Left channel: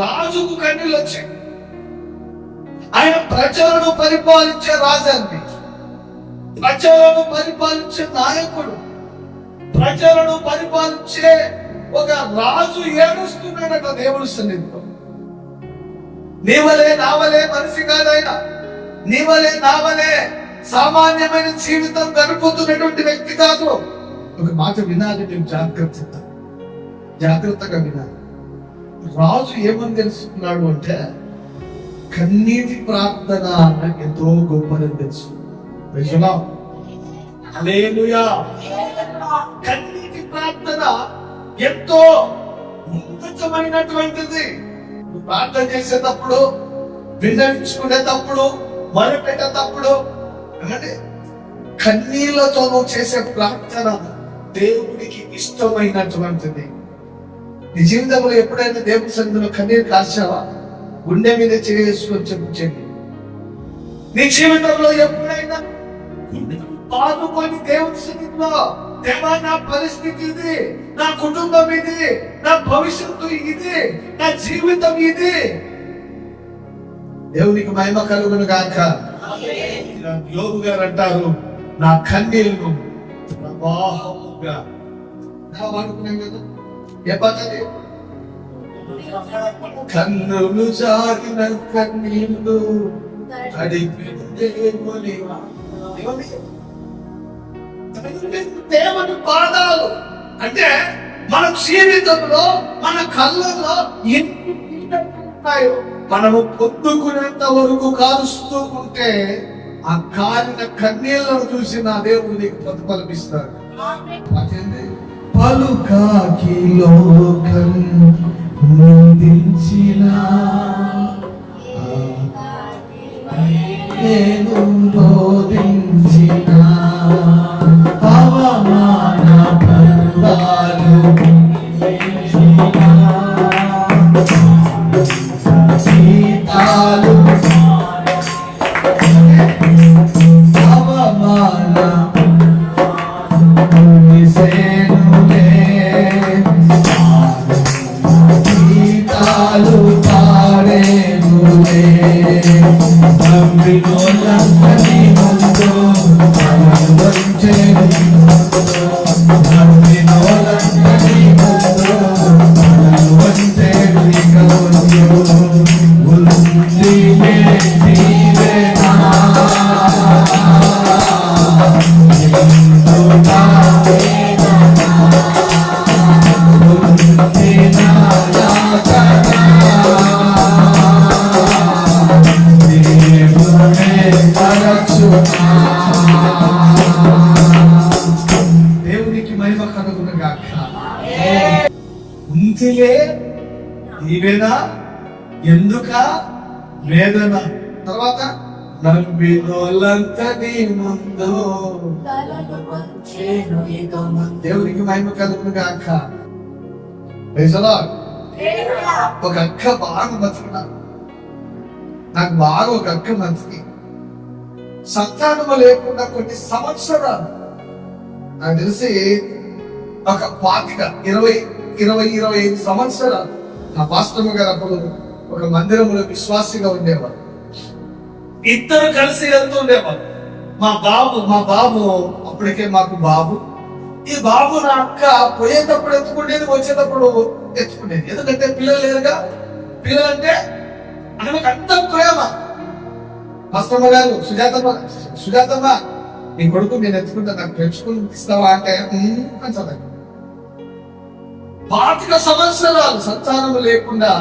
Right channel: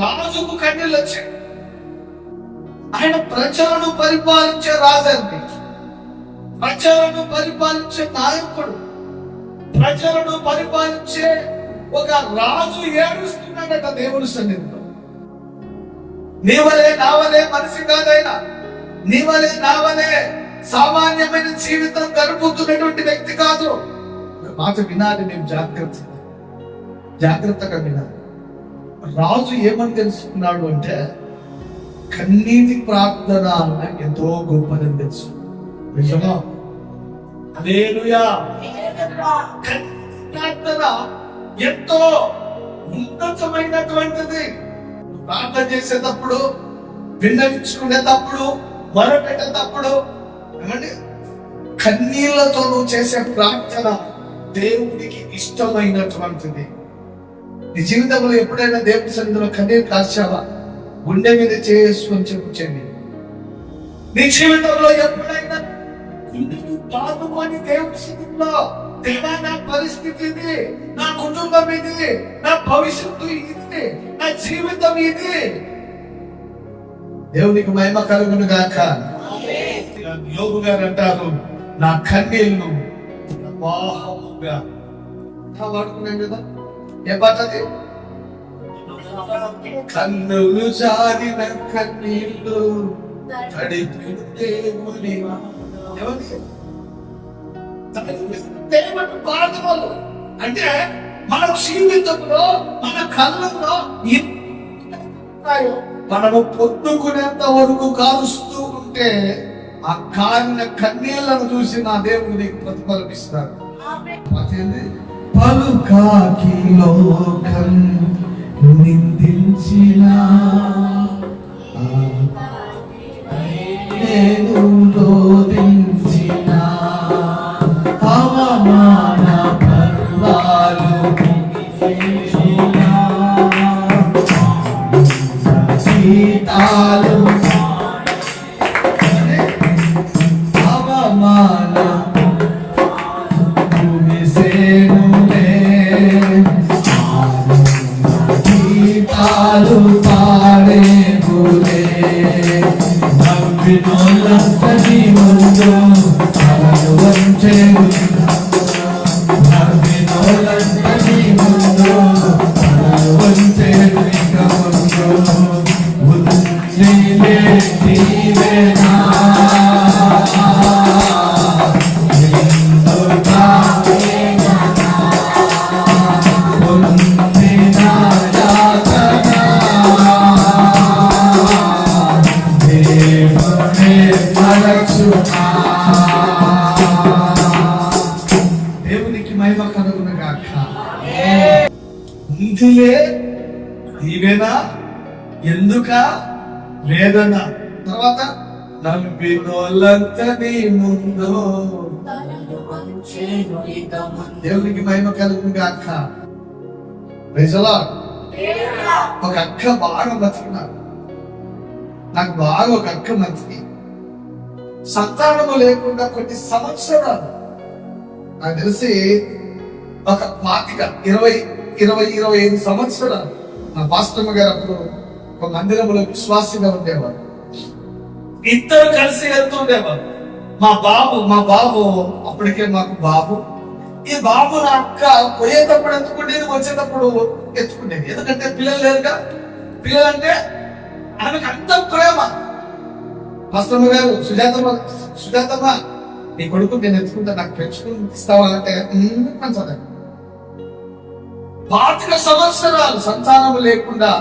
రాజుకు కన్నీళ్ళు వచ్చాయి. ఆయన ప్రజలను పరిపాలించే రాజండి, ప్రజలను పరిపాలించే నాయకుడు, ప్రజలను పరిపాలించే ఒక రాజు ఏడుస్తున్నాడట దేవుని సన్నిధిలో. నీవలే నావలే మనిషి కాదైనా, నీవలే నావలే సామాన్యమైన జీవితం గడుపుతున్నటువంటి వ్యక్తి కాదు. ఒక మాట వినాలి, నేను జాగ్రత్తగా వినాలి. రాజు ఏమని తెలుసుకున్నాడు అంటే, కన్నీటి ప్రార్థన ఎంతో గొప్పదని తెలుసు. హల్లెలూయా. కన్నీటి ప్రార్థన ఎంతో ఉన్నతమైనటువంటిది. ప్రార్థన చేసేటప్పుడు, విన్నవించుకునేటప్పుడు, మొరపెట్టేటప్పుడు ఏమంటే కన్నీళ్లతో నువ్వు చేసే ప్రార్థన దేవునికి ఇష్టమైనటువంటిది. నీ జీవితంలో ఎప్పుడైనా దేవుని సన్నిధిలో కన్నీరు కాల్చావా? గుండె మీద చేసుకొని చెప్పుచండి. నీ జీవితంలో ఎప్పుడైనా గుండెను బాదుకొని దేవుని సన్నిధిలో, దేవా నా పరిస్థితి ఇది, నా కుటుంబం ఇది, నా భవిష్యత్తు ఇది, నా జీవితం ఇది, దేవునికి మహిమ కలుగును గాక. యోగు గారు అంటారు, నా కన్నీళ్లు ప్రవాహముగా వాడుకున్నాం కదా. ఏ పాట అది? కన్నులు జారిన కన్నీళ్లు దేవుని పాదాలు. అంటే మన జీవితంలో, మన కళ్ళల్లో మనము పొద్దుకునేంత వరకు కారుస్తూ ఉంటే ఆ కారిన కన్నీళ్లను చూసి నా దేవుడు నీకు ప్రతిఫలమిస్తాడు. పలుకాకి లోకం నిందించిన నేను రోధించిన అవమాన పర్వాలు సీతాలు అవమాన దేవునికి మహిమ కలుగును గాక. ఉందిలే దీవెన, ఎందుక వేదన. తర్వాత నవ్వినోళ్ళంతా నీ ముందు. దేవునికి మహిమ కలుగును గాక. ఒక అక్క బాగా నచ్చుకున్నాను, నాకు బాగా ఒక అక్క నచ్చింది. సంతానము లేకుండా కొన్ని సంవత్సరాలు, నాకు తెలిసి ఒక 25 సంవత్సరాలు నా పాస్టమ్మ గారు అప్పుడు ఒక మందిరంలో విశ్వాసిగా ఉండేవారు. ఇద్దరు కలిసి వెళ్తూ ఉండేవారు. మా బాబు అప్పటికే మాకు బాబు. ఈ బాబు నా అక్క పోయేటప్పుడు ఎత్తుకునేది, వచ్చేటప్పుడు ఎత్తుకునేది. ఎందుకంటే పిల్లలు లేరుగా. పిల్లలంటే ఆమెకు అంత ప్రేమ. పాస్టమ్మ గారు, సుజాతమ్మ నీ కొడుకు నేను ఎత్తుకుంటా, నాకు పెంచుకుని ఇస్తావా అంటే అంటది. 25 సంవత్సరాలు సంతానము లేకుండా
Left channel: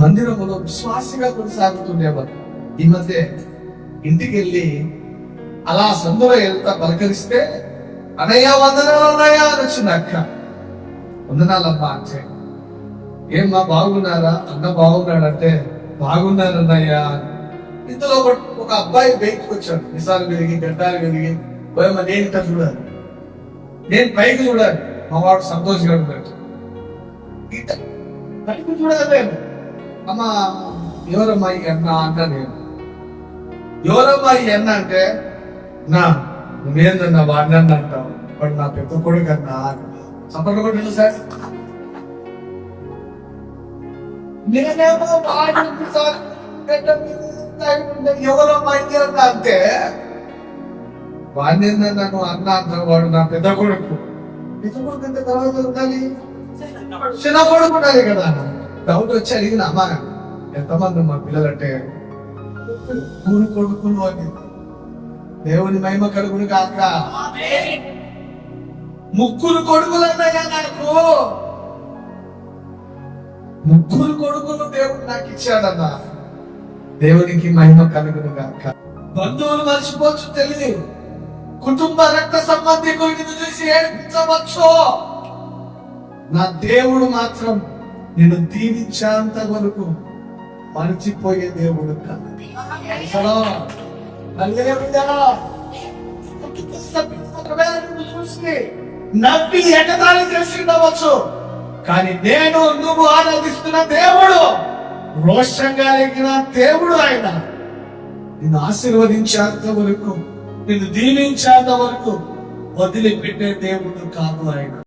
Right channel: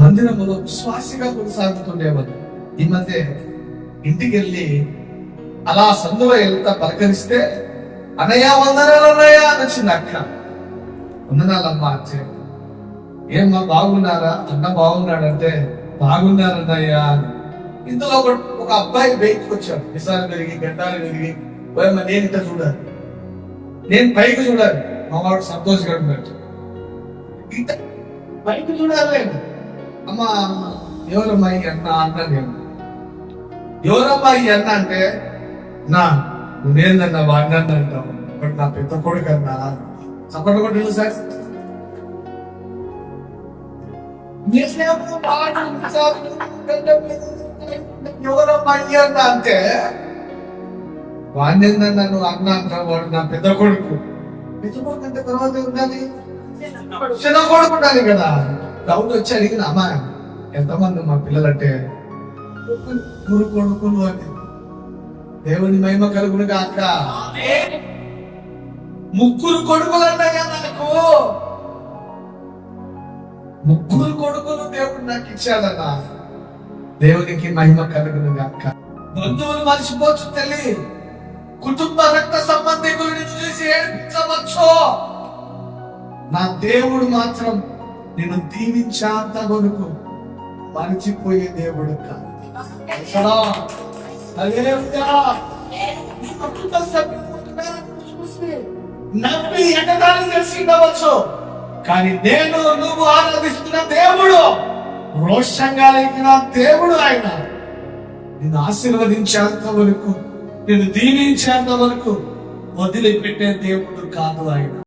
మందిరములో విశ్వాసిగా కొనసాగుతుండేవారు. ఈ మధ్య ఇంటికి వెళ్ళి అలా సందులో వెళ్తా పలకరిస్తే, అన్నయ్య వందనాలు అన్నయ్య అని వచ్చింది అక్క. వందనాలమ్మా అంటే, ఏమ్మా బాగున్నారా? అన్న బాగున్నాడంటే, బాగున్నారన్నయ్య అని. ఇందులో ఒక అబ్బాయి బయటకు వచ్చాడు, మిసాలు పెరిగి గడ్డాలు పెరిగి. పోయమ్మ నేను ఇట్లా చూడాలి, నేను పైకి చూడాలి, మా వాడు సంతోషంగా ఉన్నాడు. ఇట్ట పైకి చూడాలి. అమ్మ ఎవరమ్మాయి అన్న అంట. నేను ఎవరమ్మాయి అన్న అంటే, నా నువ్వేందన్నా వాడిని అంటావు, వాడు నా పెద్ద కొడుకు అన్నా. చప్పట్లు కొట్టండి సార్. నేనేమో వాడు ఎవరో అయ్యారు అంటే వాడిని నన్ను అన్న అంటారు. వాడు నా పెద్ద కొడుకు అంటే తర్వాత ఉండాలి, చిన్న కొడుకు ఉండాలి కదా. డౌట్ వచ్చి అడిగిన అమ్మా ఎంతమంది మా పిల్లలంటే ముగ్గురు కొడుకులు అని. దేవుని మహిమ కలుగును కాక. ముగ్గురు కొడుకులు అన్నయ్యా నాకు, ముగ్గురు కొడుకులు దేవుడు నాకు ఇచ్చాడన్న. దేవునికి మహిమ కలుగును గాక. బంధువులు మర్చిపోవచ్చు తల్లి, కుటుంబ రక్త సంబంధికులు చూసి ఏడిపించవచ్చు. నా దేవుడు మాత్రం నేను దీవించేంత వరకు మర్చిపోయే దేవుడు కాదు. కుటుంబ సభ్యులు ఒకవేళ నిన్ను చూసి నవ్వి ఎగతాళి చేసి ఉండవచ్చు, కానీ నేను నువ్వు ఆరాధిస్తున్న దేవుడు, రోషంగా లేకిన దేవుడు ఆయన. నిన్ను ఆశీర్వదించేంత వరకు, నిన్ను దీవించేంత వరకు వదిలిపెట్టే దేవుడు కాదు ఆయన.